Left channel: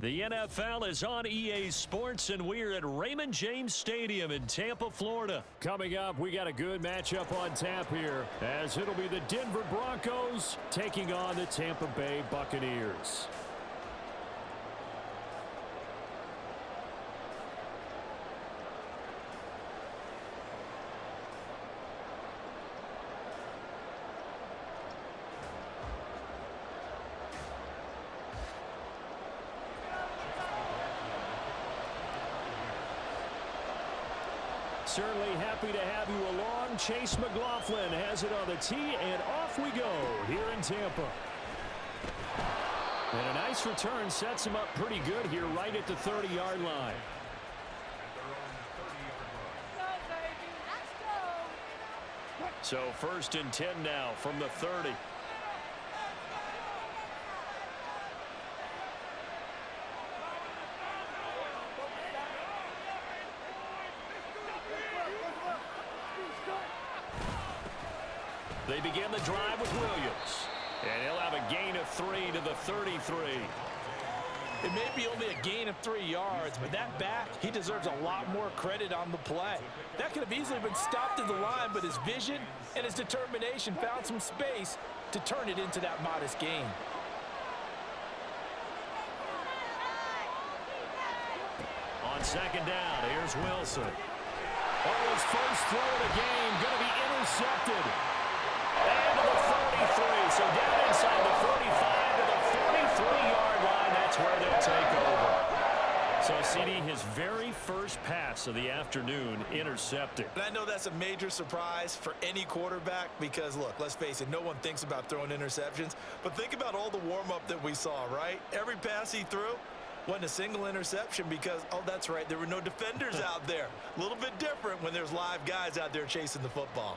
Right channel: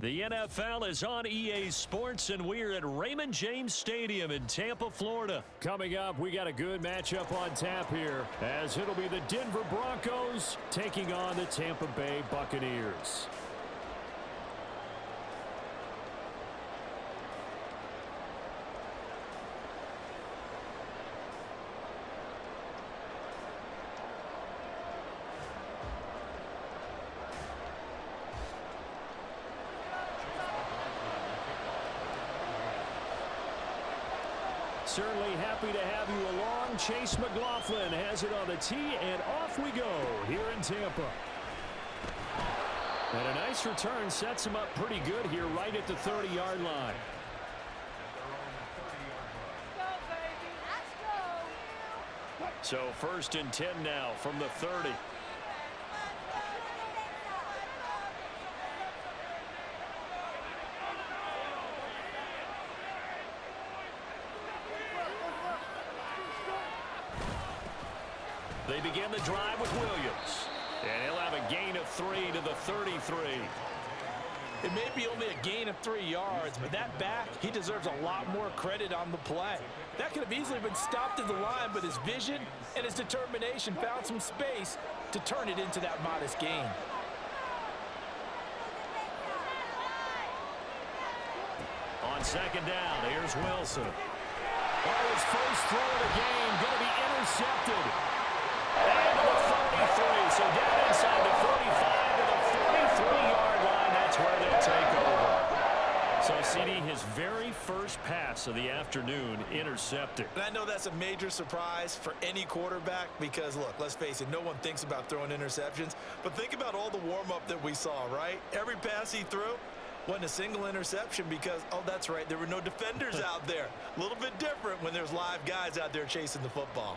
The NFL is on EA Sports, and we're at Raymond James Stadium in Tampa, Florida. Coming up, we got a good matchup on tap here, as it'll be the Denver Broncos taking on the Tampa Bay Buccaneers. Certainly happy to have you along. Chase McLaughlin has it on the tee, and off we go here in Tampa. And a nice return sets him up pretty good here right at the 30-yard line. So 1st and 10 now from the 30. They begin the drive with Williams. And he'll have a gain of 3 to the 33. It may be only a gain of 3 yards, but that back, he deserves a lot more credit on the play. That could have easily been stopped at the line, but his vision and his determination found some space to turn it into that modest gain. On 2nd down, here's Wilson. Oh, his first throw of the game going to be intercepted. And to the 43, so down inside the 45 to the 43-yard line. That's where they'll take over. So, CD, his very first pass of the afternoon intercepted. And I know that's a major surprise for any quarterback because, look, let's face it, no one thinks about throwing interceptions. But think about all the warm-up that we saw, right? Every pass he threw wasn't a single interception because, oh, that's right, there were no defenders out there. A little bit different when there's live guys out there chasing the football.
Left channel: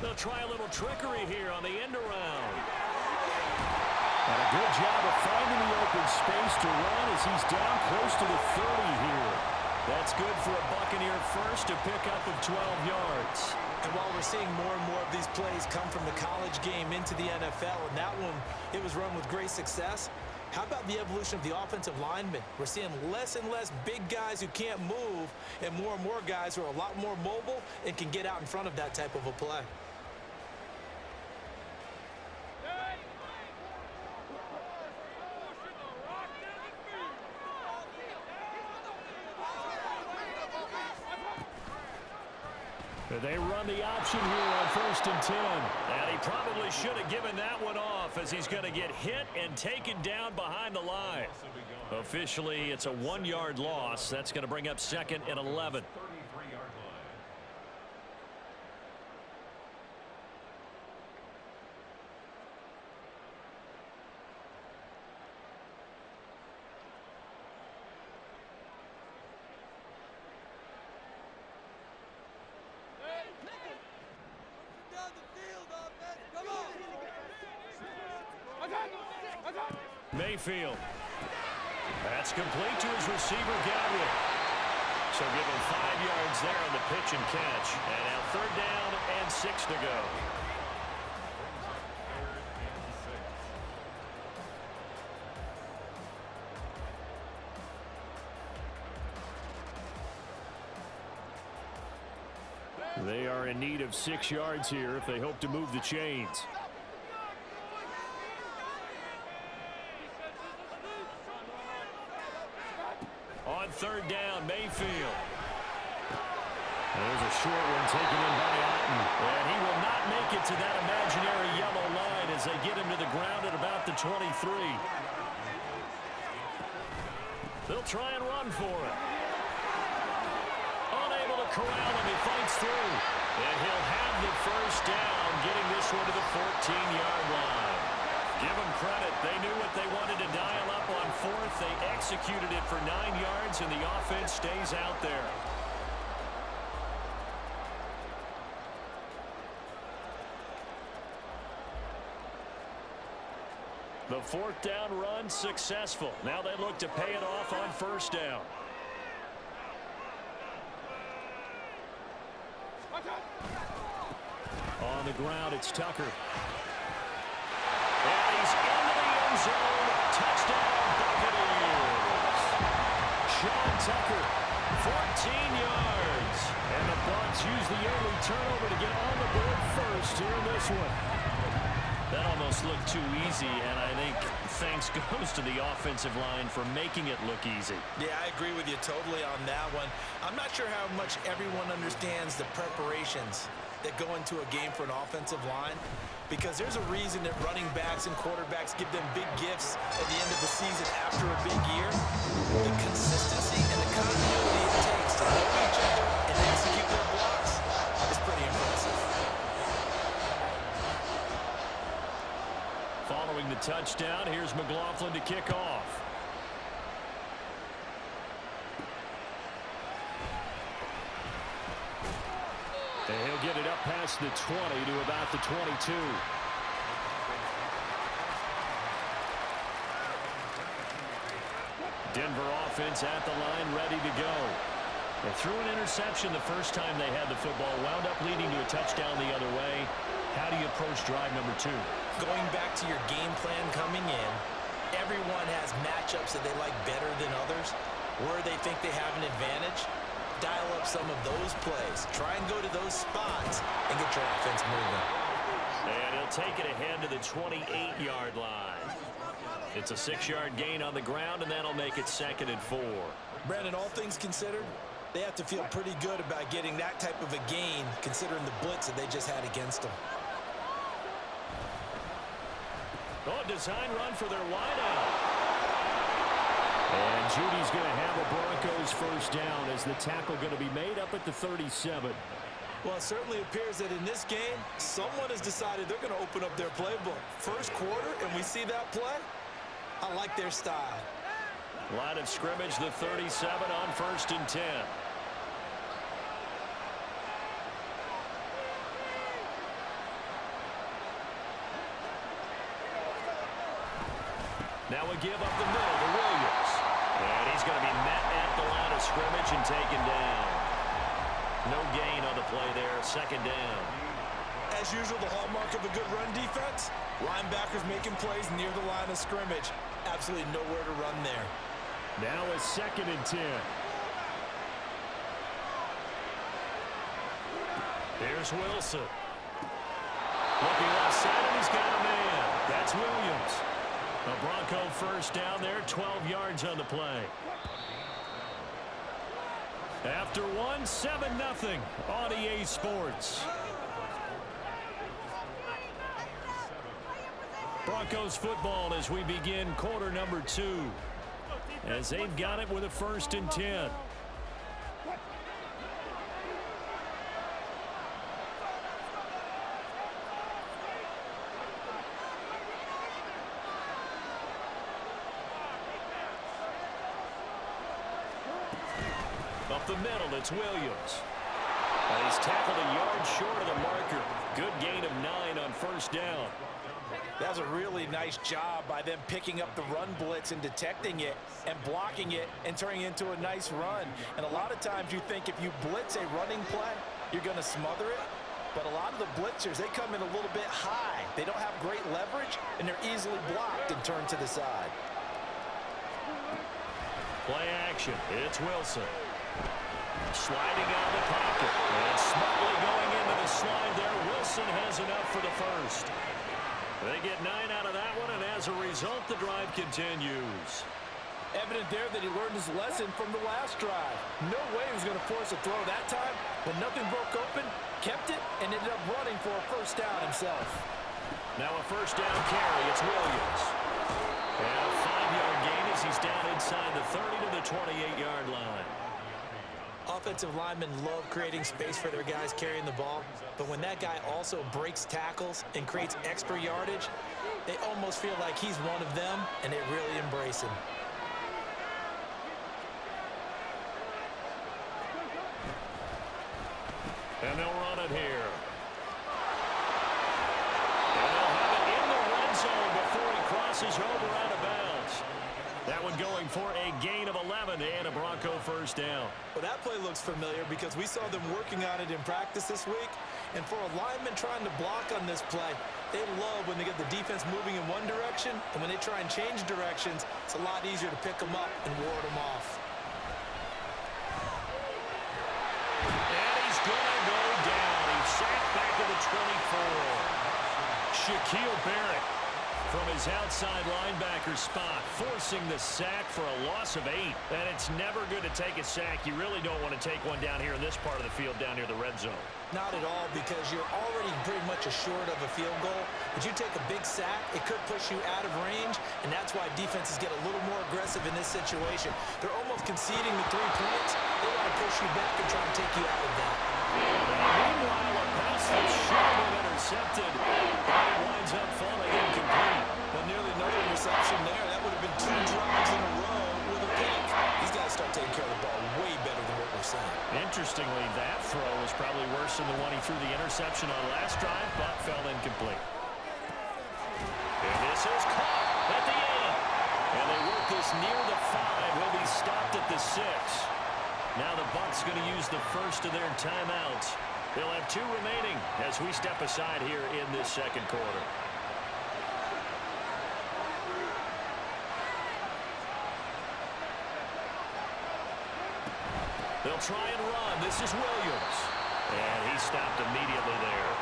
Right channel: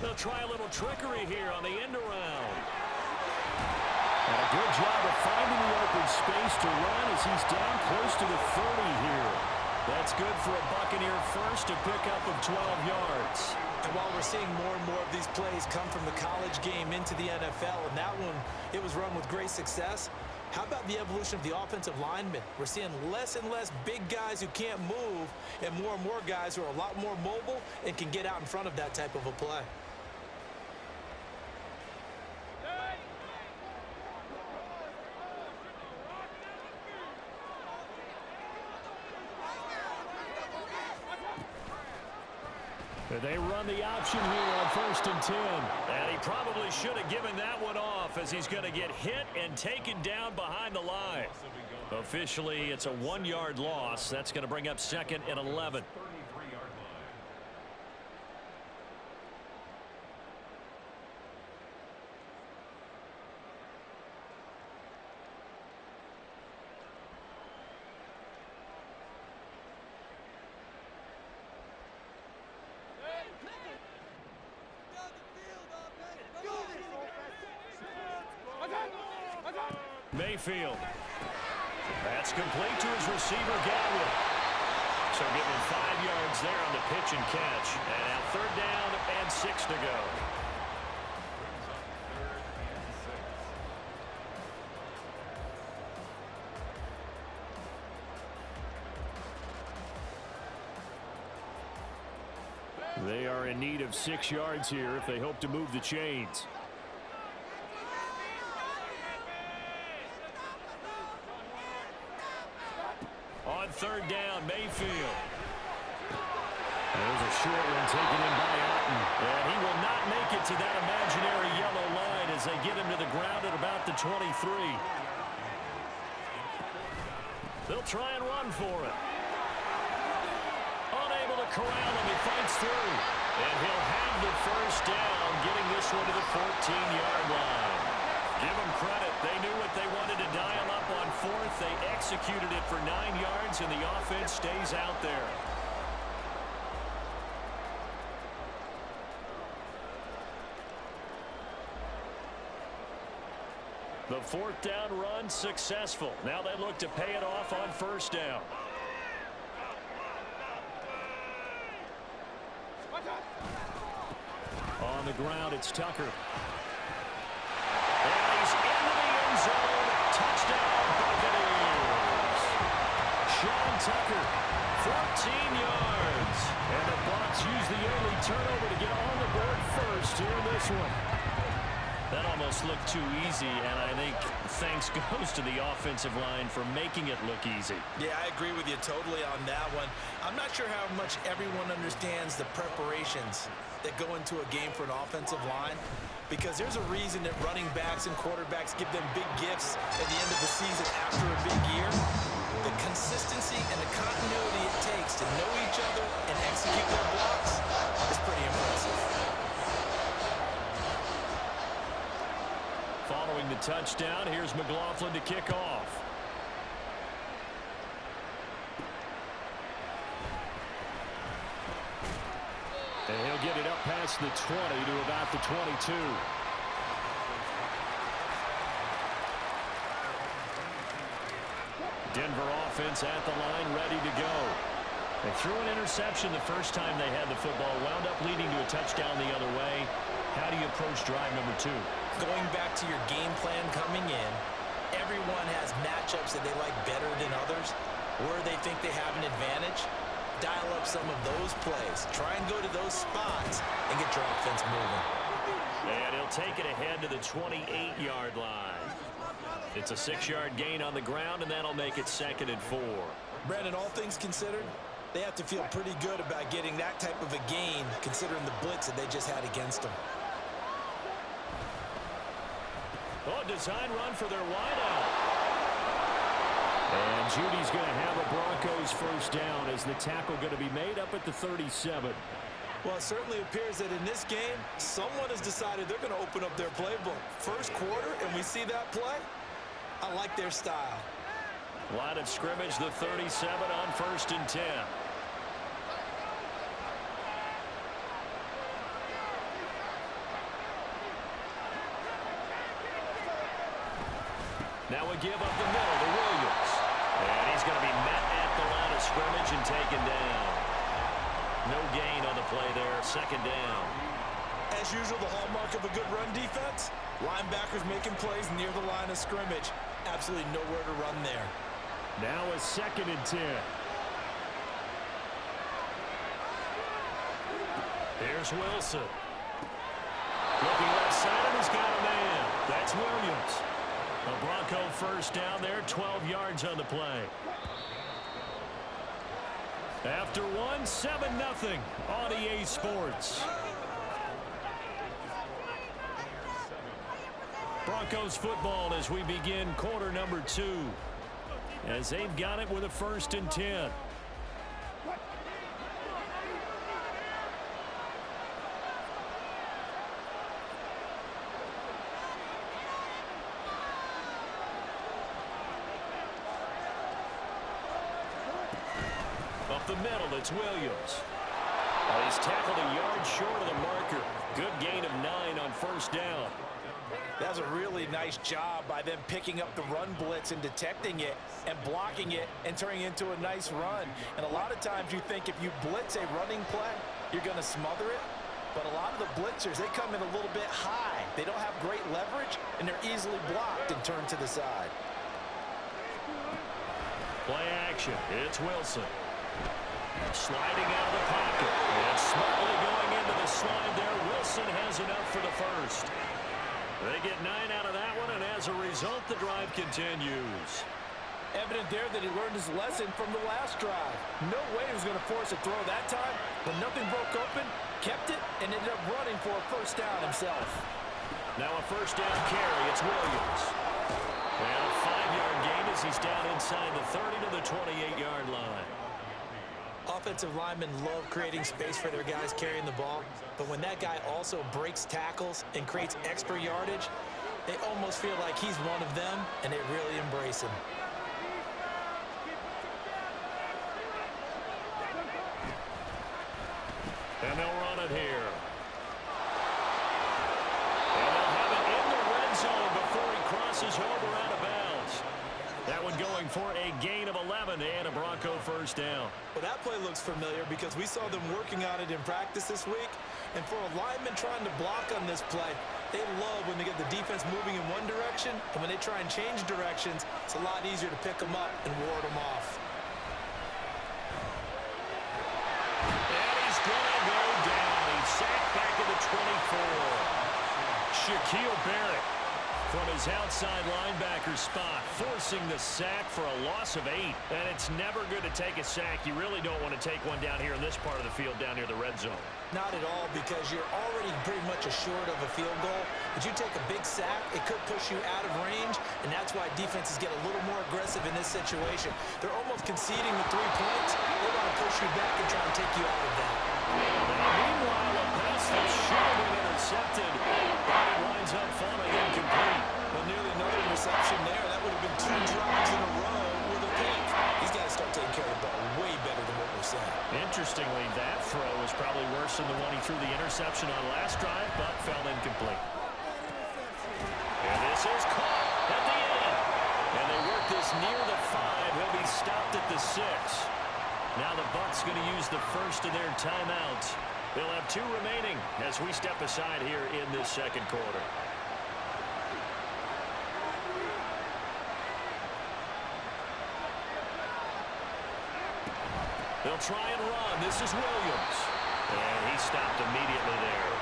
They'll try a little trickery here on the end around. And a good job of finding the open space to run as he's down close to the 30 here. That's good for a Buccaneer first to pick up of 12 yards. And while we're seeing more and more of these plays come from the college game into the NFL, and that one, it was run with great success, how about the evolution of the offensive linemen? We're seeing less and less big guys who can't move and more guys who are a lot more mobile and can get out in front of that type of a play. They run the option here on 1st and 10. And he probably should have given that one off as he's going to get hit and taken down behind the line. Officially, it's a 1-yard loss. That's going to bring up 2nd and 11. Mayfield. That's complete to his receiver, Godwin. So give him 5 yards there on the pitch and catch. And now 3rd down and 6 to go. They are in need of 6 yards here if they hope to move the chains. On 3rd down, Mayfield. There's a short one taken in by Otten. And he will not make it to that imaginary yellow line as they get him to the ground at about the 23. They'll try and run for it. Unable to corral him, he fights through. And he'll have the 1st down, getting this one to the 14-yard line. Give them credit. They knew what they wanted to dial up on 4th. They executed it for 9 yards, and the offense stays out there. The 4th down run successful. Now they look to pay it off on 1st down. On On the ground, it's Tucker. And he's into the end zone. Touchdown, Buccaneers. Sean Tucker, 14 yards. And the Bucs use the early turnover to get on the board first here in this one. That almost looked too easy, and I think thanks goes to the offensive line for making it look easy. Yeah, I agree with you totally on that one. I'm not sure how much everyone understands the preparations that go into a game for an offensive line, because there's a reason that running backs and quarterbacks give them big gifts at the end of the season after a big year. The consistency and the continuity it takes to know each other and execute their blocks is pretty impressive. Following the touchdown, here's McLaughlin to kick off. And he'll get it up past the 20 to about the 22. Denver offense at the line, ready to go. They threw an interception the first time they had the football, wound up leading to a touchdown the other way. How do you approach drive number 2? Going back to your game plan coming in, everyone has matchups that they like better than others, where they think they have an advantage. Dial up some of those plays. Try and go to those spots and get your offense moving. And he'll take it ahead to the 28-yard line. It's a 6-yard gain on the ground, and that'll make it 2nd and 4. Brandon, all things considered, they have to feel pretty good about getting that type of a gain, considering the blitz that they just had against them. Oh, design run for their wideout. And Judy's going to have a Broncos first down as the tackle going to be made up at the 37. Well, it certainly appears that in this game, someone has decided they're going to open up their playbook. First quarter, and we see that play. I like their style. Line of scrimmage, the 37 on 1st and 10. Now a give up the middle to Williams. And he's going to be met at the line of scrimmage and taken down. No gain on the play there, 2nd down. As usual, the hallmark of a good run defense, linebackers making plays near the line of scrimmage. Absolutely nowhere to run there. Now a 2nd and 10. Here's Wilson. Looking left side, and he's got a man. That's Williams. A Bronco first down there, 12 yards on the play. After one, 7-0 on EA Sports. Broncos football as we begin quarter number 2. As they've got it with a 1st and 10. Up the middle, it's Williams. He's tackled a yard short of the marker. Good gain of 9 on 1st down. That's a really nice job by them picking up the run blitz and detecting it and blocking it and turning it into a nice run. And a lot of times you think if you blitz a running play, you're going to smother it. But a lot of the blitzers, they come in a little bit high. They don't have great leverage, and they're easily blocked and turned to the side. Play action. It's Wilson. Sliding out of the pocket. And smartly going into the slide there. Wilson has enough for the first. They get 9 out of that one, and as a result, the drive continues. Evident there that he learned his lesson from the last drive. No way he was going to force a throw that time. When nothing broke open, kept it, and ended up running for a first down himself. Now a first down carry. It's Williams. And a 5-yard gain as he's down inside the 30 to the 28-yard line. Offensive linemen love creating space for their guys carrying the ball, but when that guy also breaks tackles and creates extra yardage, they almost feel like he's one of them, and they really embrace him. And they'll run it here. And they'll have it in the red zone before he crosses over out of bounds. That one going for a gain of 11 and a Bronco first first down. Well, that play looks familiar because we saw them working on it in practice this week. And for a lineman trying to block on this play, they love when they get the defense moving in one direction. And when they try and change directions, it's a lot easier to pick them up and ward them off. And he's going to go down. He's sacked back to the 24. Shaquille Barrett from his outside linebacker spot, forcing the sack for a loss of 8. And it's never good to take a sack. You really don't want to take one down here in this part of the field, down near the red zone. Not at all, because you're already pretty much assured of a field goal. But you take a big sack, it could push you out of range, and that's why defenses get a little more aggressive in this situation. They're almost conceding the 3 points. They want to push you back and try and take you out of that. Now, meanwhile, a pass that should have been intercepted, but it winds up falling incomplete. Well, nearly another interception there. That would have been 2 drives in a row with a pick. These guys start taking care of the ball way better than what we're saying. Interestingly, that throw was probably worse than the one he threw the interception on last drive, but fell incomplete. And this is caught at the 8. And they work this near the 5. He'll be stopped at the 6. Now the Bucs going to use the first of their timeouts. They'll have 2 remaining as we step aside here in this second quarter. They'll try and run. This is Williams. And he stopped immediately there.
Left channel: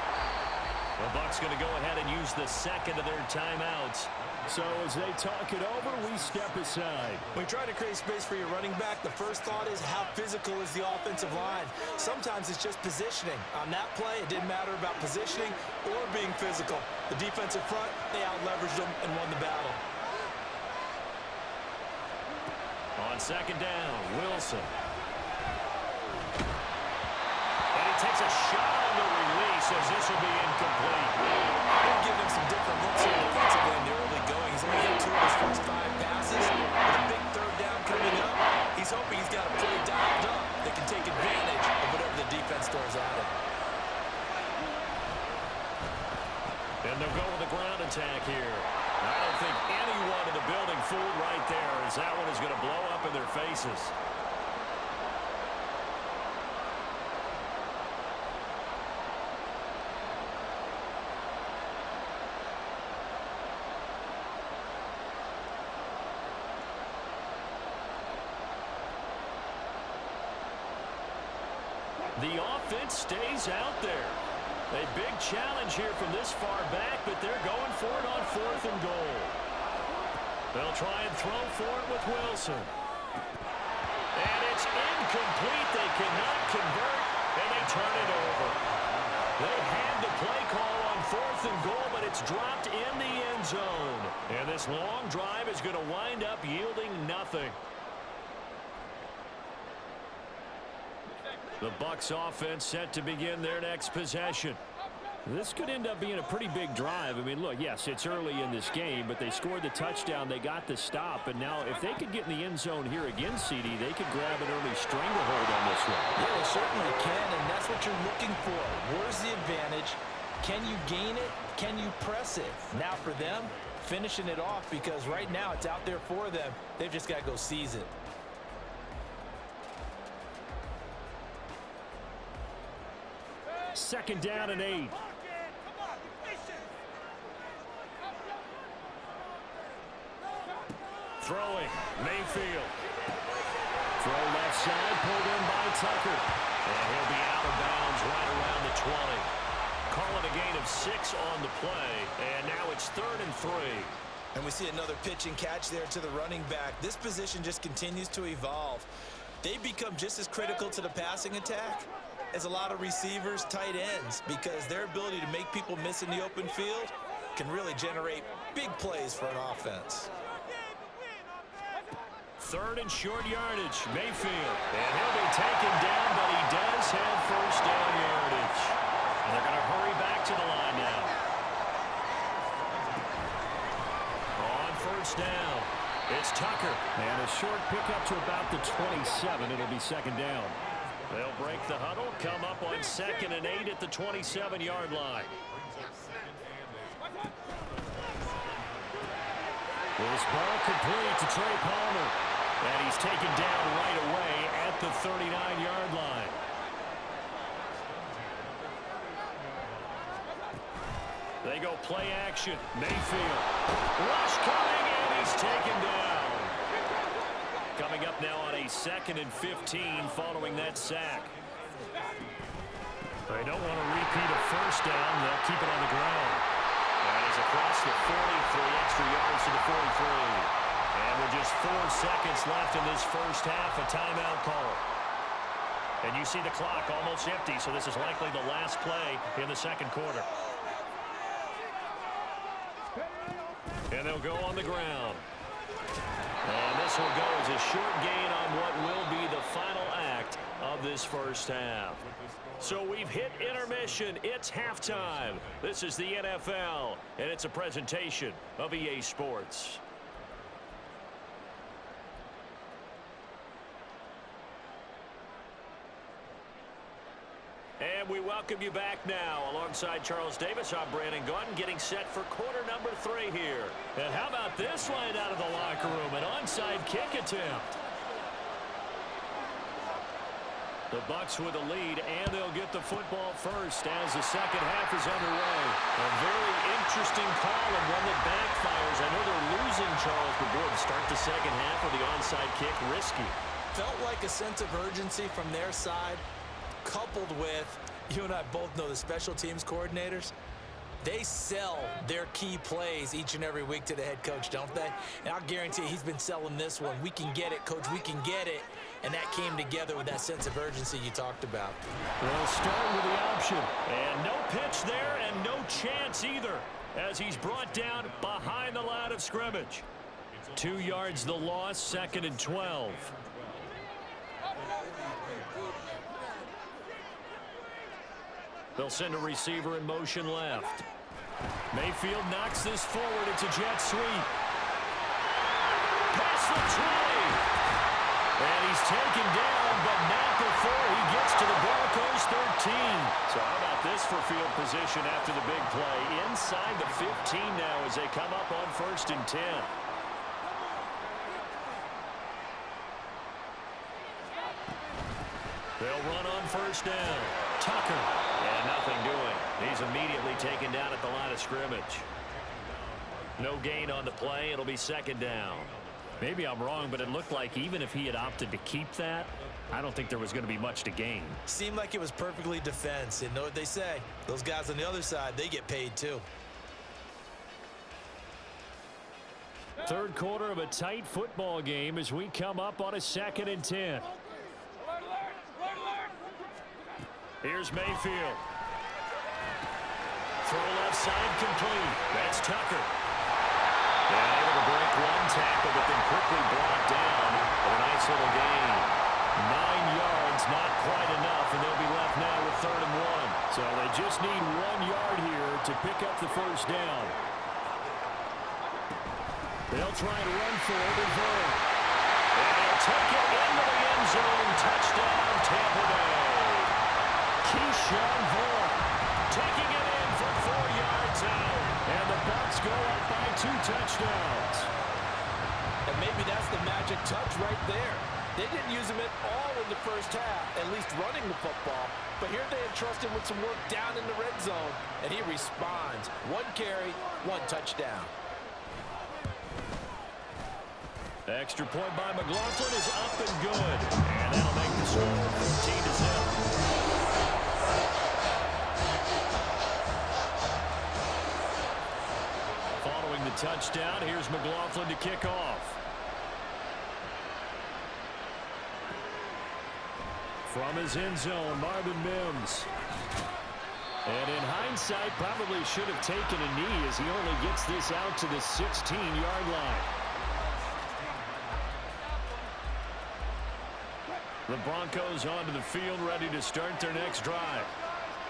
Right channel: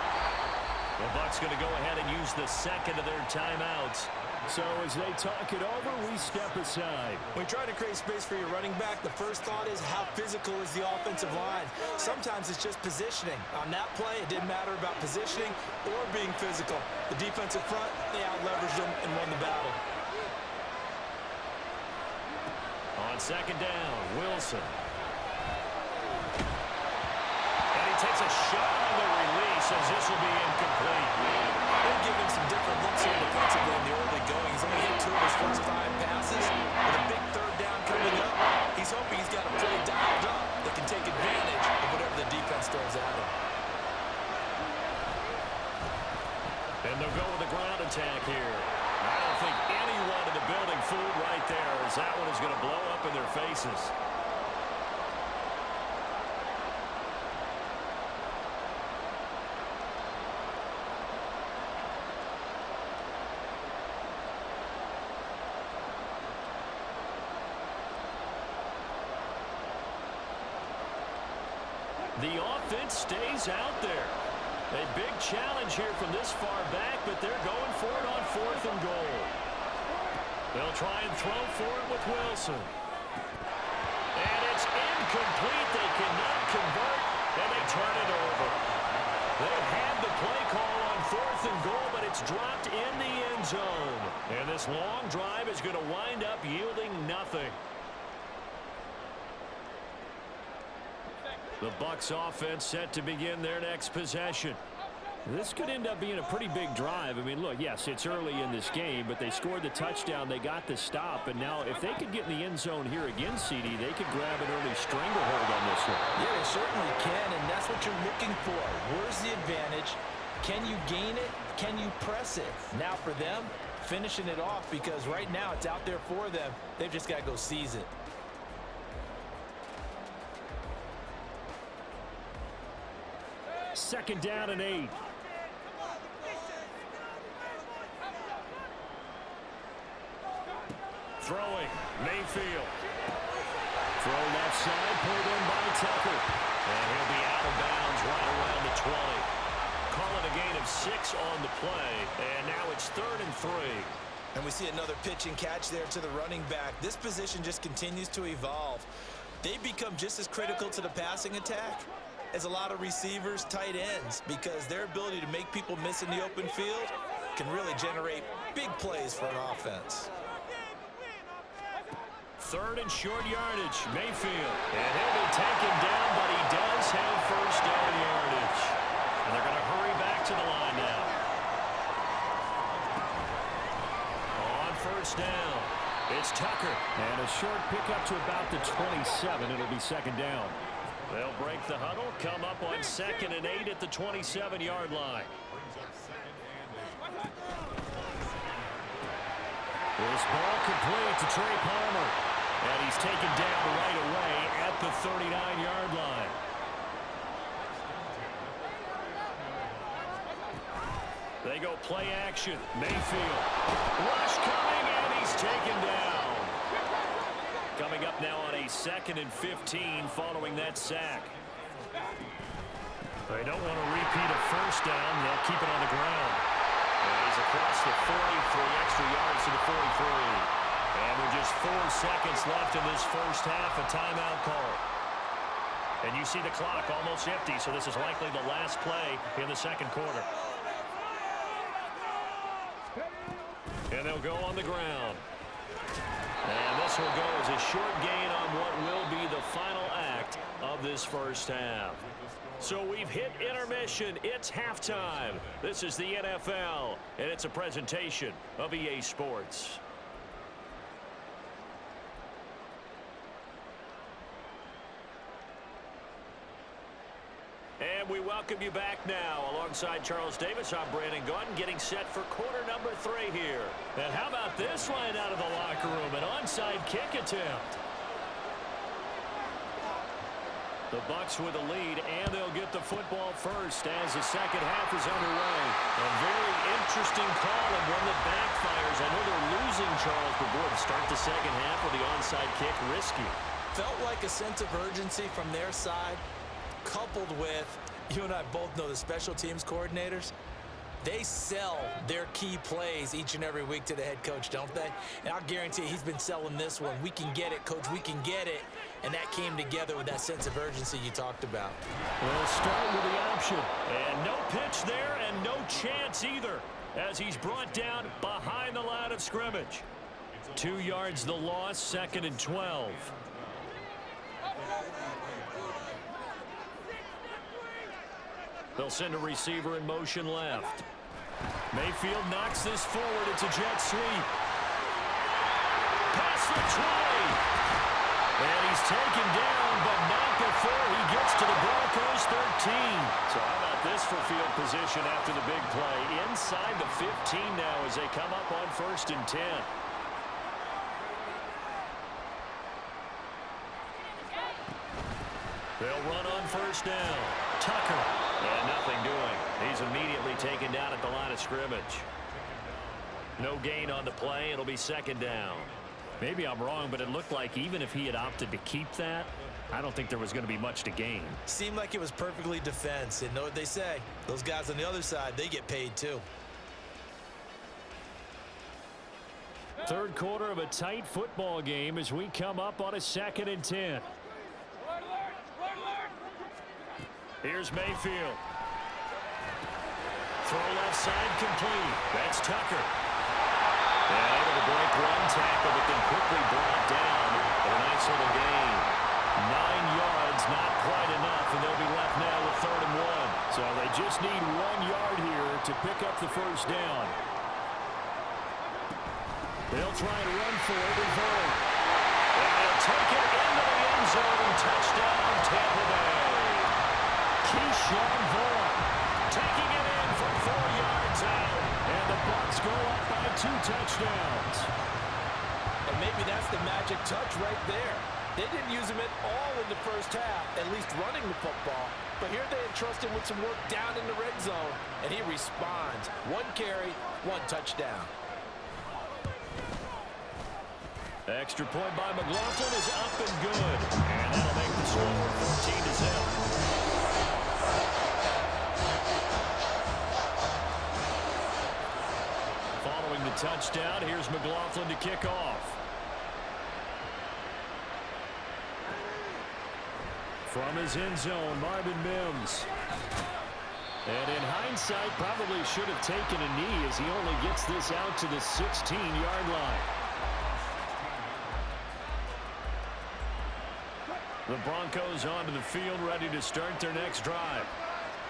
The Bucs going to go ahead and use the second of their timeouts. So as they talk it over, we step aside. When you try to create space for your running back, the first thought is how physical is the offensive line. Sometimes it's just positioning. On that play, it didn't matter about positioning or being physical. The defensive front, they out-leveraged them and won the battle. On second down, Wilson. And he takes a shot on the release as this will be incomplete. They're giving him some different looks here defensively in the early going. He's only hit 2 of his first 5 passes. With a big third down coming up, he's hoping he's got a play dialed up that can take advantage of whatever the defense throws at him. And they'll go with a ground attack here. I don't think anyone in the building fooled right there, as that one is going to blow up in their faces. The offense stays out there. A big challenge here from this far back, but they're going for it on 4th and goal. They'll try and throw for it with Wilson. And it's incomplete. They cannot convert, and they turn it over. They had the play call on 4th and goal, but it's dropped in the end zone. And this long drive is going to wind up yielding nothing. The Bucs offense set to begin their next possession. This could end up being a pretty big drive. I mean, look, yes, it's early in this game, but they scored the touchdown. They got the stop, and now if they could get in the end zone here again, CD, they could grab an early stranglehold on this one. Yeah, they certainly can, and that's what you're looking for. Where's the advantage? Can you gain it? Can you press it? Now for them, finishing it off, because right now it's out there for them. They've just got to go seize it. Second down and 8. Throwing, Mayfield. Throw left side, pulled in by Tucker. And he'll be out of bounds right around the 20. Call it a gain of 6 on the play. And now it's 3rd and 3. And we see another pitch and catch there to the running back. This position just continues to evolve. They become just as critical to the passing attack as a lot of receivers, tight ends, because their ability to make people miss in the open field can really generate big plays for an offense. 3rd and short yardage, Mayfield. And he'll be taken down, but he does have first down yardage. And they're going to hurry back to the line now. On first down, it's Tucker. And a short pickup to about the 27. It'll be second down. They'll break the huddle, come up on 2nd and 8 at the 27-yard line. This ball complete to Trey Palmer. And he's taken down right away at the 39-yard line. They go play action. Mayfield. Rush coming, and he's taken down. Coming up now on a 2nd and 15 following that sack. They don't want to repeat a first down. They'll keep it on the ground. And he's across the 43 extra yards to the 43. And with just 4 seconds left in this first half, a timeout call. And you see the clock almost empty, so this is likely the last play in the second quarter. And they'll go on the ground. And this will go as a short gain on what will be the final act of this first half. So we've hit intermission. It's halftime. This is the NFL, and it's a presentation of EA Sports. And we welcome you back now. Alongside Charles Davis, I'm Brandon Gaudin, getting set for quarter number 3 here. And how about this line out of the locker room? An onside kick attempt. The Bucs with a lead, and they'll get the football first as the second half is underway. A very interesting call and one that backfires. I know they're losing, Charles, but boy, to start the second half with the onside kick, risky. Felt like a sense of urgency from their side, coupled with, you and I both know the special teams coordinators, they sell their key plays each and every week to the head coach, don't they? And I'll guarantee he's been selling this one. We can get it, coach, we can get it. And that came together with that sense of urgency you talked about. They'll start with the option. And no pitch there and no chance either as he's brought down behind the line of scrimmage. 2 yards the loss, 2nd and 12. They'll send a receiver in motion left. Mayfield knocks this forward. It's a jet sweep. Past the 20. And he's taken down, but not before he gets to the Broncos' 13. So how about this for field position after the big play? Inside the 15 now as they come up on 1st and 10. They'll run on 1st down. Tucker. And nothing doing. He's immediately taken down at the line of scrimmage. No gain on the play. It'll be 2nd down. Maybe I'm wrong, but it looked like even if he had opted to keep that, I don't think there was going to be much to gain. Seemed like it was perfectly defense. And know what they say? Those guys on the other side, they get paid too. Third quarter of a tight football game as we come up on a 2nd and 10. Here's Mayfield. Throw left side complete. That's Tucker. And able to break one tackle, but then quickly brought down. But a nice little gain. 9 yards, not quite enough, and they'll be left now with 3rd and 1. So they just need 1 yard here to pick up the first down. They'll try to run for it in 3rd. And they'll take it into the end zone. Touchdown, Tampa Bay. Keyshawn Vaughn taking it in for 4 yards out. And the Bucs go up by 2 touchdowns. And maybe that's the magic touch right there. They didn't use him at all in the first half, at least running the football. But here they entrust him with some work down in the red zone, and he responds. 1 carry, 1 touchdown. The extra point by McLaughlin is up and good. And that'll make the score 14-0. Following the touchdown, here's McLaughlin to kick off. From his end zone, Marvin Mims. And in hindsight, probably should have taken a knee as he only gets this out to the 16-yard line. The Broncos onto the field, ready to start their next drive.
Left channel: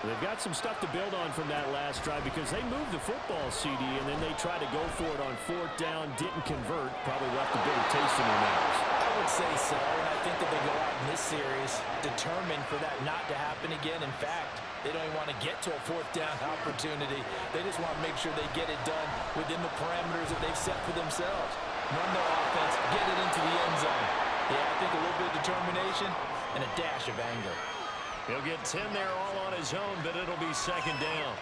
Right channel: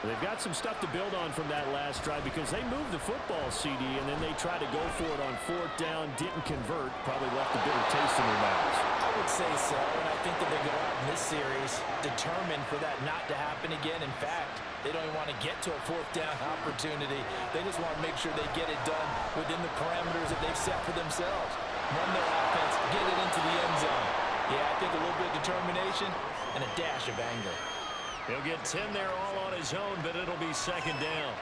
They've got some stuff to build on from that last drive because they moved the football, CD, and then they tried to go for it on 4th down, didn't convert, probably left a bitter taste in their mouths. I would say so, and I think that they go out in this series determined for that not to happen again. In fact, they don't even want to get to a 4th down opportunity. They just want to make sure they get it done within the parameters that they've set for themselves. Run their offense, get it into the end zone. Yeah, I think a little bit of determination and a dash of anger. He'll get 10 there all on his own, but it'll be second down.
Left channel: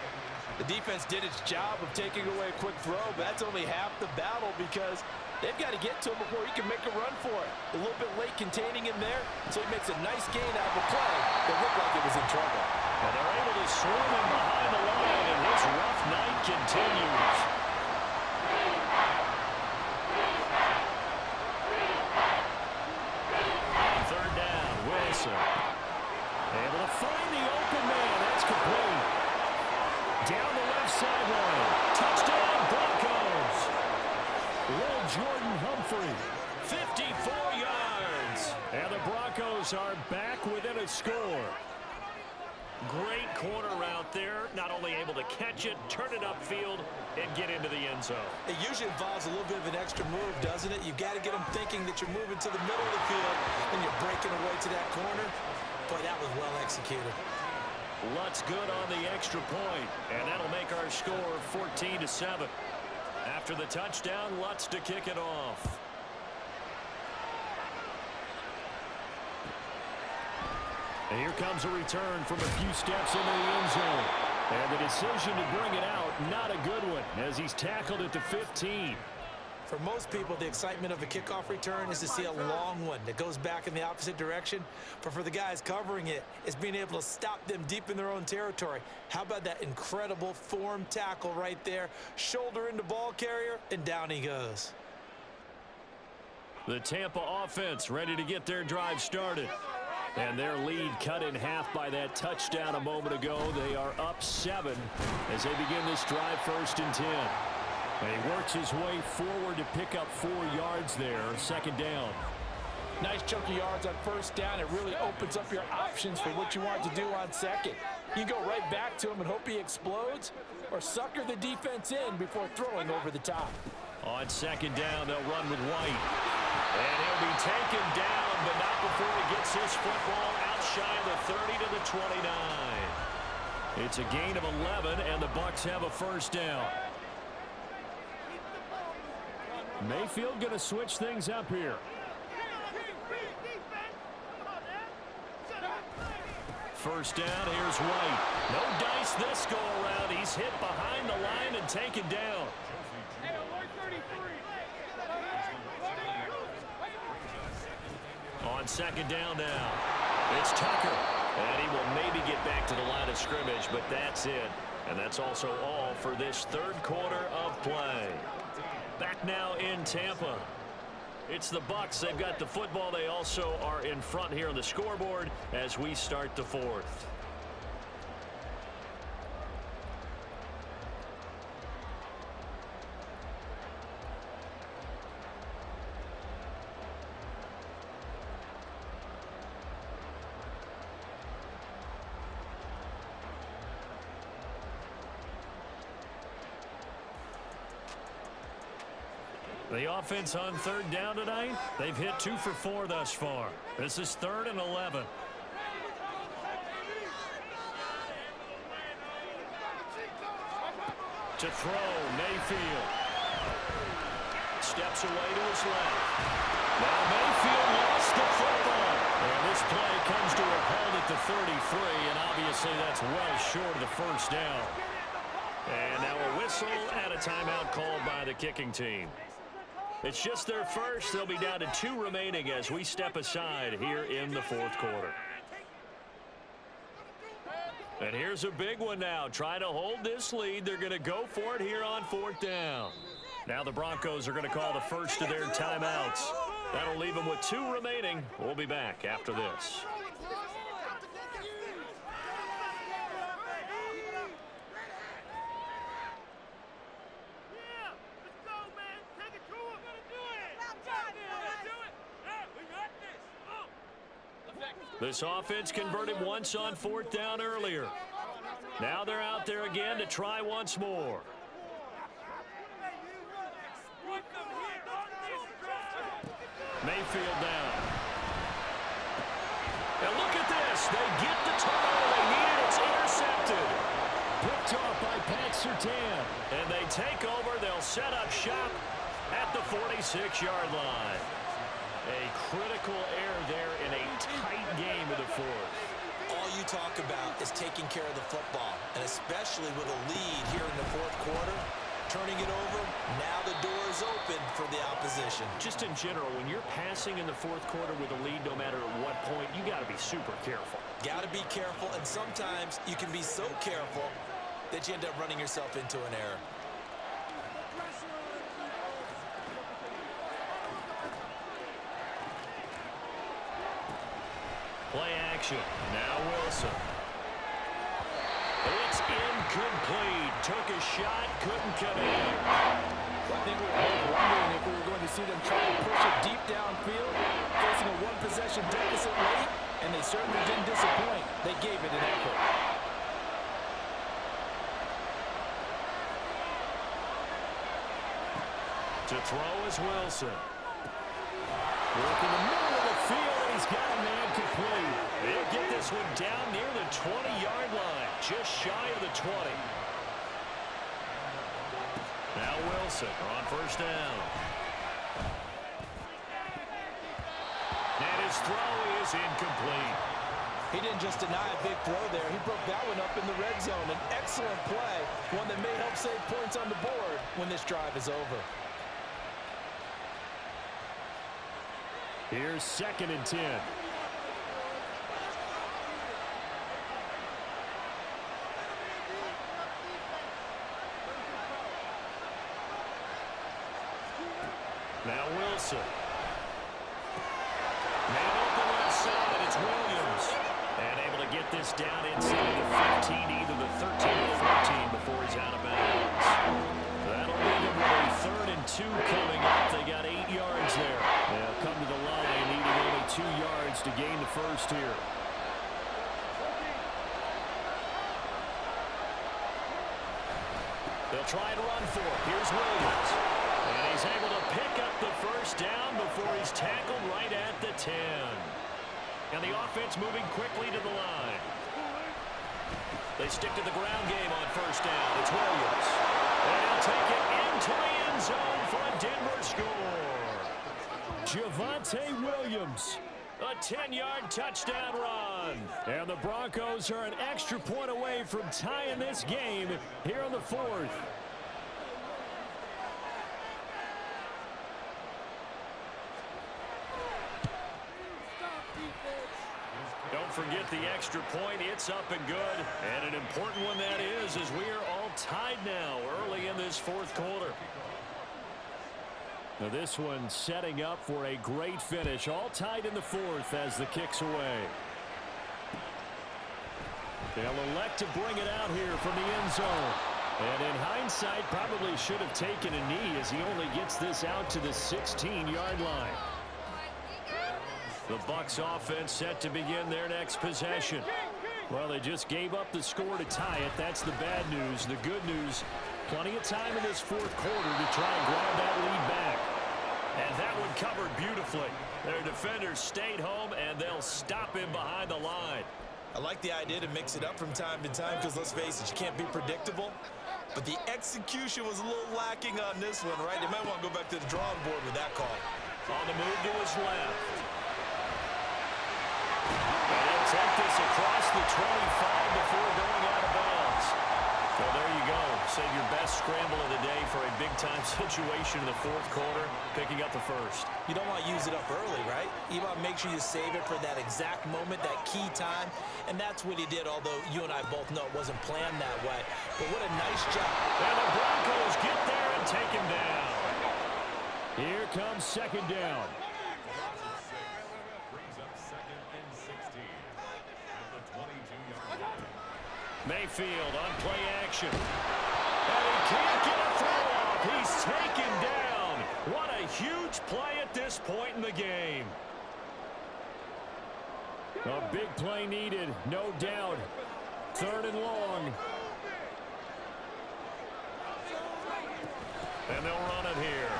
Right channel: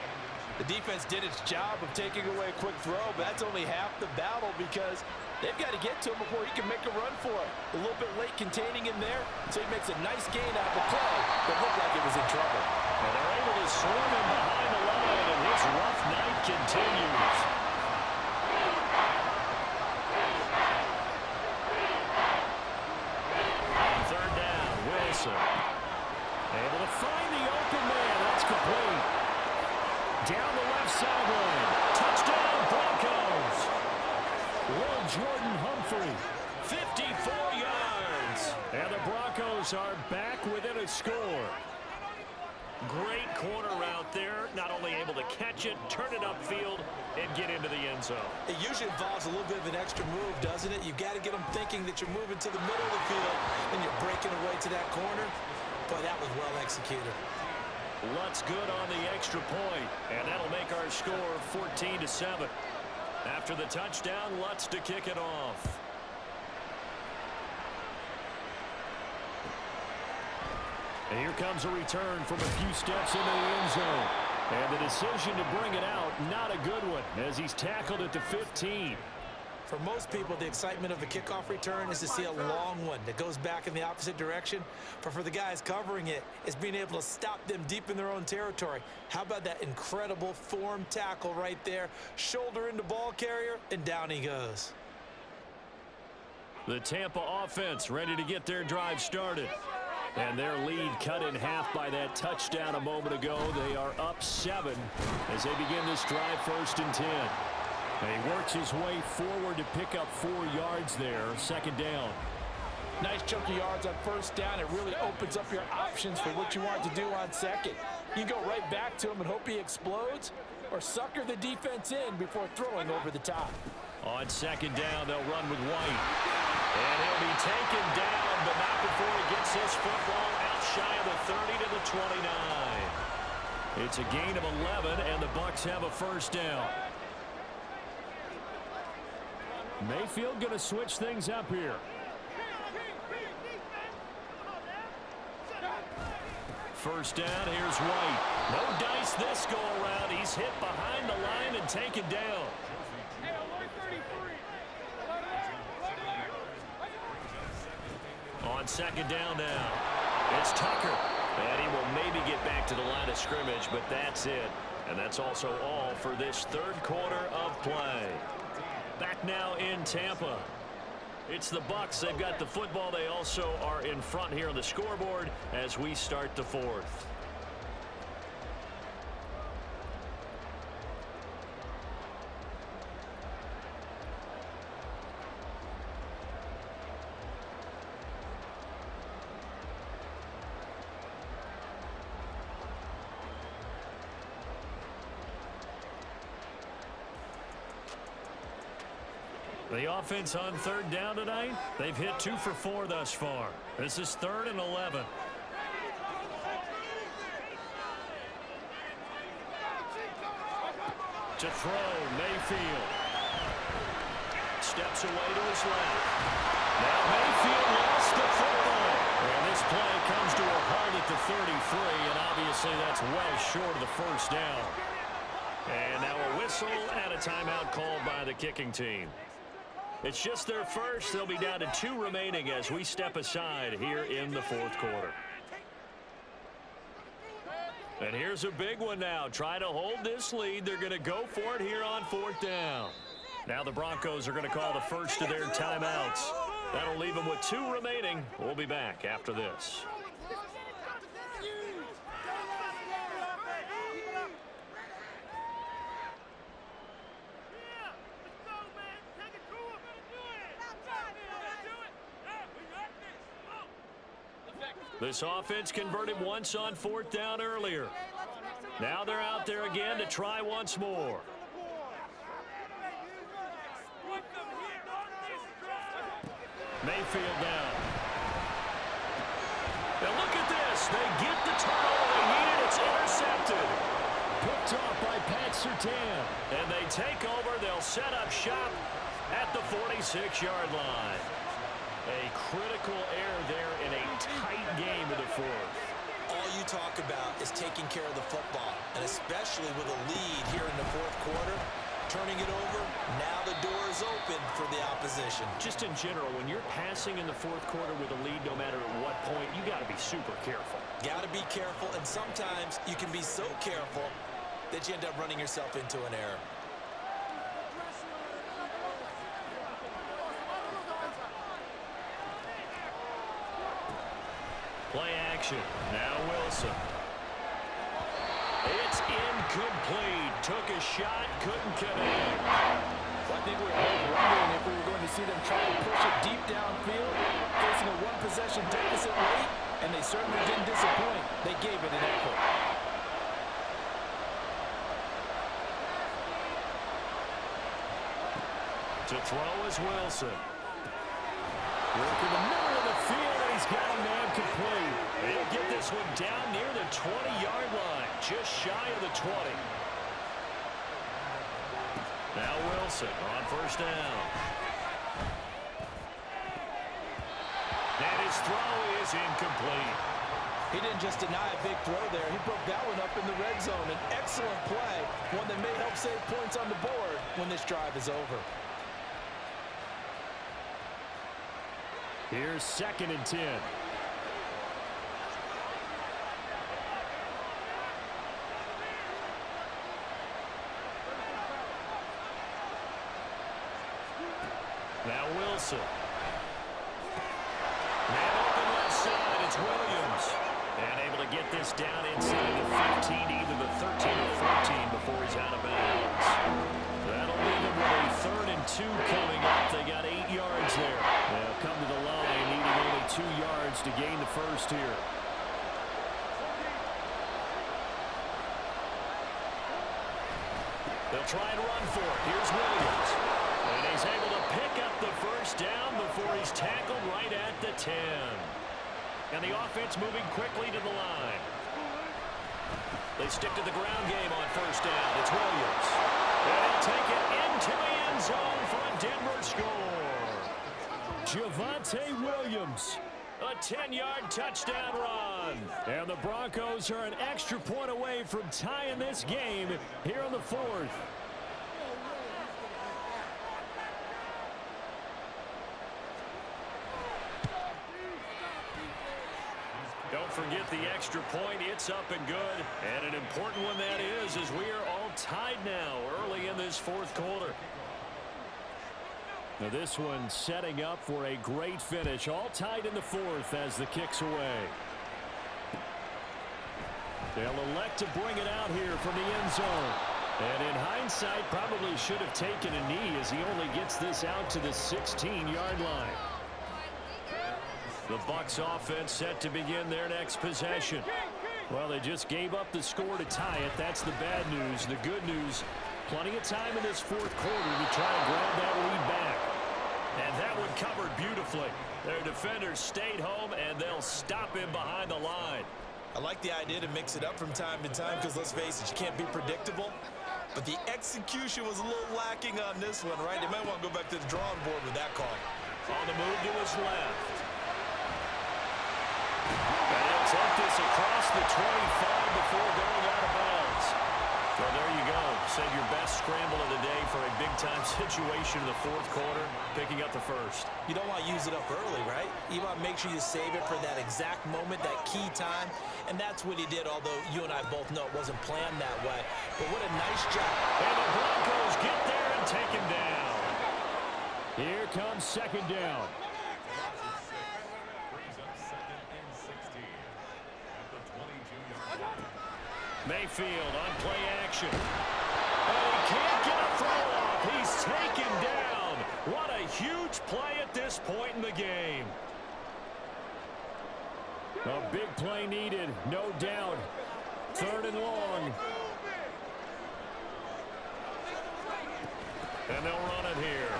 The defense did its job of taking away a quick throw, but that's only half the battle because they've got to get to him before he can make a run for it. A little bit late containing him there, so he makes a nice gain out of a play that looked like it was in trouble. And they're able to swarm him behind the line, and his rough night continues. On third down, Wilson. Able to find the open man. That's complete. Down the left sideline. Touchdown, Broncos. Will Jordan Humphrey, 54 yards. And the Broncos are back within a score. Great corner route there. Not only able to catch it, turn it upfield, and get into the end zone. It usually involves a little bit of an extra move, doesn't it? You've got to get them thinking that you're moving to the middle of the field and you're breaking away to that corner. Boy, that was well executed. Lutz good on the extra point, and that'll make our score 14-7. After the touchdown, Lutz to kick it off. And here comes a return from a few steps into the end zone. And the decision to bring it out, not a good one, as he's tackled at the 15. For most people, the excitement of a kickoff return is to see a long one that goes back in the opposite direction. But for the guys covering it, it's being able to stop them deep in their own territory. How about that incredible form tackle right there? Shoulder into ball carrier, and down he goes. The Tampa offense ready to get their drive started. And their lead cut in half by that touchdown a moment ago. They are up 7 as they begin this drive, 1st and 10. And he works his way forward to pick up 4 yards there, 2nd down. Nice chunk of yards on 1st down. It really opens up your options for what you want to do on 2nd. You can go right back to him and hope he explodes, or sucker the defense in before throwing over the top. On 2nd down, they'll run with White. And he'll be taken down, but not before he gets his football out shy of the 30 to the 29. It's a gain of 11, and the Bucs have a 1st down. Mayfield going to switch things up here. 1st down, here's White. No dice this go around. He's hit behind the line and taken down. On 2nd down now, it's Tucker. And he will maybe get back to the line of scrimmage, but that's it. And that's also all for this 3rd quarter of play. Back now in Tampa. It's the Bucs. They've got the football. They also are in front here on the scoreboard as we start the 4th. The offense on 3rd down tonight, they've hit 2 for 4 thus far. This is 3rd and 11. To throw, Mayfield. Steps away to his left. Now Mayfield lost the football. And this play comes to a halt at the 33, and obviously that's well short of the 1st down. And now a whistle and a timeout called by the kicking team. It's just their first. They'll be down to 2 remaining as we step aside here in the 4th quarter. And here's a big one now. Trying to hold this lead. They're going to go for it here on 4th down. Now the Broncos are going to call the first of their timeouts. That'll leave them with 2 remaining. We'll be back after this. This offense converted once on 4th down earlier. Now they're out there again to try once more. Mayfield down. Now look at this. They get the turnover they needed. It's intercepted. Picked off by Pat Surtain. And they take over. They'll set up shop at the 46-yard line. A critical error there in a tight game of the fourth. All you talk about is taking care of the football, and especially with a lead here in the fourth quarter, turning it over, now the door is open for the opposition. Just in general, when you're passing in the fourth quarter with a lead, no matter at what point, you got to be super careful. Got to be careful, and sometimes you can be so careful that you end up running yourself into an error. Play action. Now Wilson. It's incomplete. Took a shot, couldn't connect. Well, I think we were both wondering if we were going to see them try to push it deep downfield, facing a one-possession deficit late, and they certainly didn't disappoint. They gave it an effort. To throw is Wilson. Work in the middle of the field, and he's got a man complete. He'll get this one down near the 20-yard line, just shy of the 20. Now Wilson on first down. And his throw is incomplete. He didn't just deny a big throw there. He broke that one up in the red zone. An excellent play, one that may help save points on the board when this drive is over. Here's 2nd and 10. Now Wilson. Man open left side, it's Williams. And able to get this down inside the 15, either the 13 or 14 before he's out of bounds. That'll leave him with a 3rd and 2 coming up. They got 8 yards there. They'll come to the line needing only 2 yards to gain the first here. They'll try and run for it. Here's Williams. And he's able to pick up the first down before he's tackled right at the 10. And the offense moving quickly to the line. They stick to the ground game on first down. It's Williams. And he'll take it into the end zone for a Denver score. Javonte Williams. A 10-yard touchdown run. And the Broncos are an extra point away from tying this game here in the fourth. Don't forget the extra point. It's up and good. And an important one that is, as we are all tied now early in this fourth quarter. Now this one setting up for a great finish. All tied in the fourth as the kick's away. They'll elect to bring it out here from the end zone. And in hindsight, probably should have taken a knee as he only gets this out to the 16-yard line. The Bucs offense set to begin their next possession. Well, they just gave up the score to tie it. That's the bad news. The good news, plenty of time in this fourth quarter to try to grab that lead back. And that one covered beautifully. Their defenders stayed home, and they'll stop him behind the line. I like the idea to mix it up from time to time because, let's face it, you can't be predictable. But the execution was a little lacking on this one, right? They might want to go back to the drawing board with that call. On the move to his left. And he'll take this across the 25 before going out of bounds. Well, there you go. Save your best scramble of the day for a big-time situation in the fourth quarter, picking up the first. You don't want to use it up early, right? You want to make sure you save it for that exact moment, that key time. And that's what he did, although you and I both know it wasn't planned that way. But what a nice job. And the Broncos get there and take him down. Here comes 2nd down. Mayfield on play action. And he can't get a throw off. He's taken down. What a huge play at this point in the game. A big play needed, no doubt. 3rd and long. And they'll run it here.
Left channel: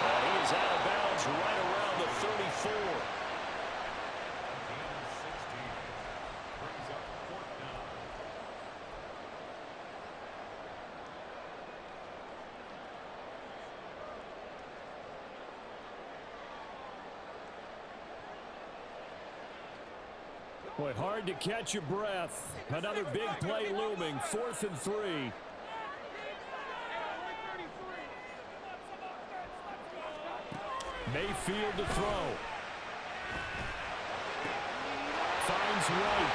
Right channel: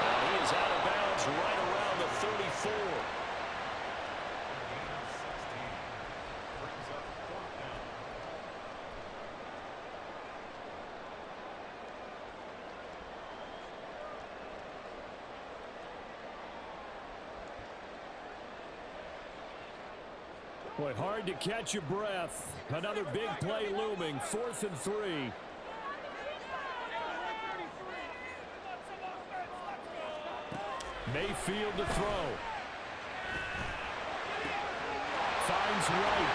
And he is out of bounds right around the 34. Boy, hard to catch your breath. Another big play looming. 4th and 3. Mayfield to throw. Finds White.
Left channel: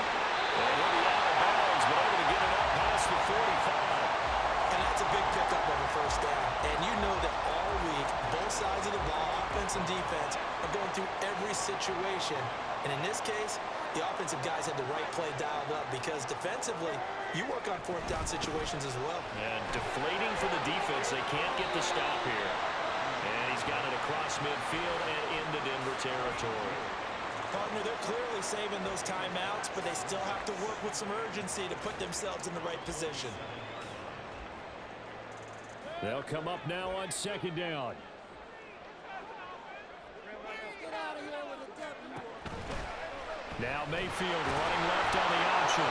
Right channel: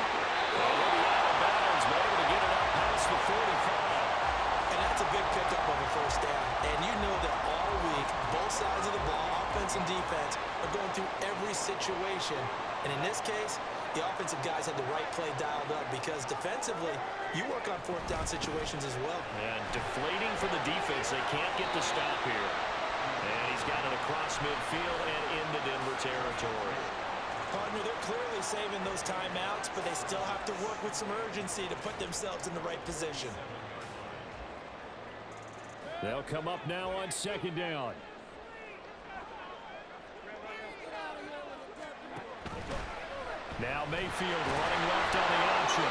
Well, he'll be out of bounds, but able to get it up past the 45. And that's a big pickup of a first down. And you know that all week, both sides of the ball, offense and defense, are going through every situation. And in this case, the offensive guys had the right play dialed up because defensively, you work on 4th down situations as well. And deflating for the defense. They can't get the stop here. And he's got it across midfield and into Denver territory. Partner, they're clearly saving those timeouts, but they still have to work with some urgency to put themselves in the right position. They'll come up now on 2nd down. Now Mayfield running left on the option.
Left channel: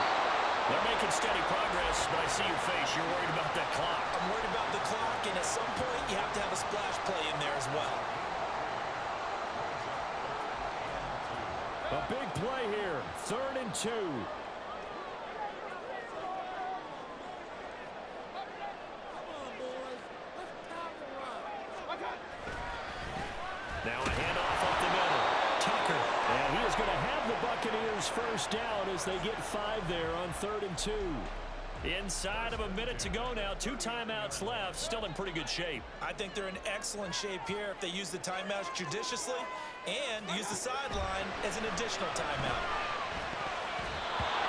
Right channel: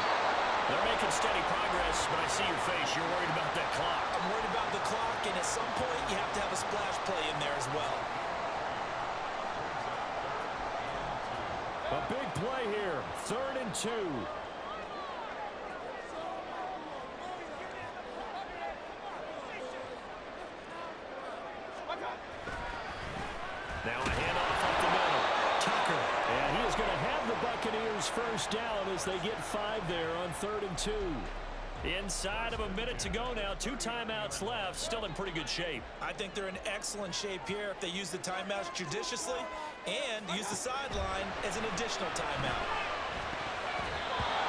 They're making steady progress, but I see your face. You're worried about that clock. I'm worried about the clock, and at some point, you have to have a splash play in there as well. A big play here. 3rd and 2. Now a handoff up the middle. Tucker. And he is going to have the Buccaneers first down as they get 5 there on 3rd and 2. Inside of a minute to go now. 2 timeouts left. Still in pretty good shape. I think they're in excellent shape here if they use the timeouts judiciously and use the sideline as an additional timeout.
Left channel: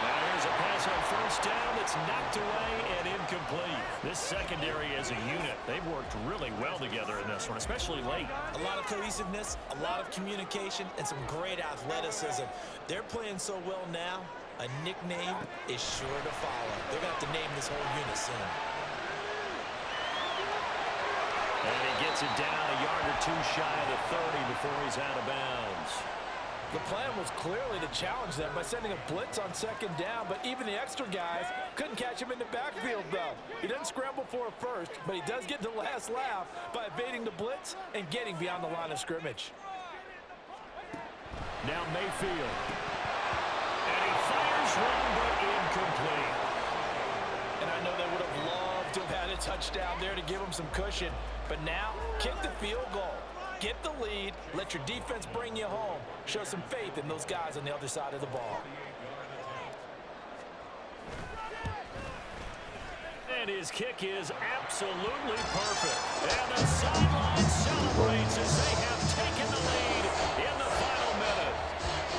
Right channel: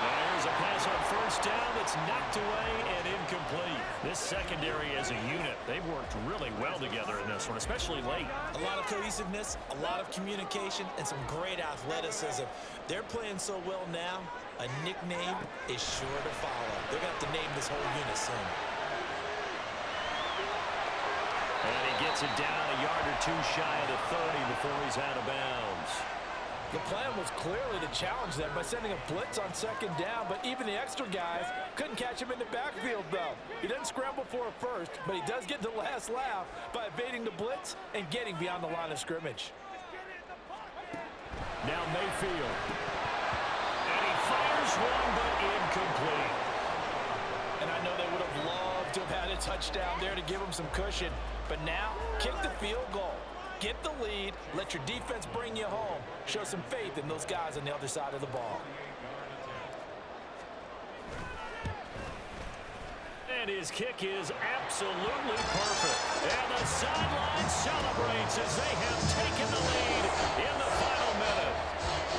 Now here's a pass on first down that's knocked away and incomplete. This secondary as a unit, they've worked really well together in this one, especially late. A lot of cohesiveness, a lot of communication, and some great athleticism. They're playing so well now, a nickname is sure to follow. They're going to have to name this whole unit soon. And he gets it down a yard or 2 shy of the 30 before he's out of bounds. The plan was clearly to challenge them by sending a blitz on 2nd down, but even the extra guys couldn't catch him in the backfield, though. He doesn't scramble for a first, but he does get the last laugh by evading the blitz and getting beyond the line of scrimmage. Now Mayfield. And he fires one, but incomplete. And I know they would have loved to have had a touchdown there to give him some cushion, but now kick the field goal. Get the lead, let your defense bring you home. Show some faith in those guys on the other side of the ball. And his kick is absolutely perfect. And the sideline celebrates as they have taken the lead in the final minute.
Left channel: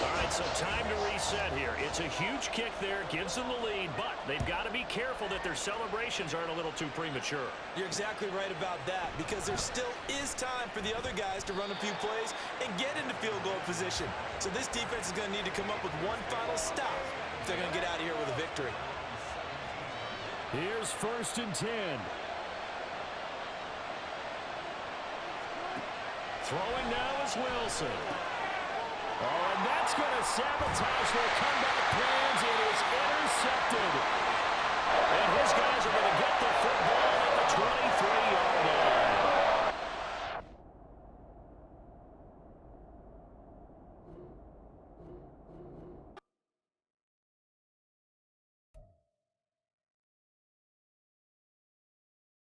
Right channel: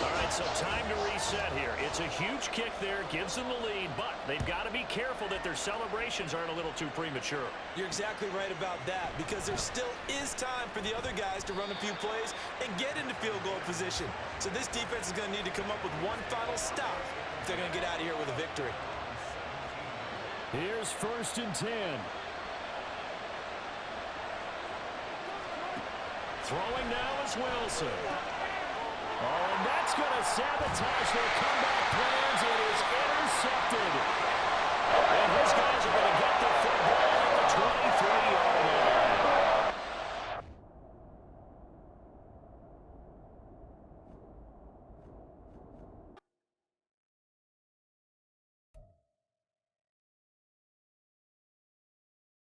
All right, so time to reset here. It's a huge kick there, gives them the lead, but they've got to be careful that their celebrations aren't a little too premature. You're exactly right about that because there still is time for the other guys to run a few plays and get into field goal position. So this defense is going to need to come up with one final stop if they're going to get out of here with a victory. Here's 1st and 10. Throwing now is Wilson. Oh, and that's going to sabotage their comeback plans. It is intercepted. And his guys are going to get the football at the 23-yard line.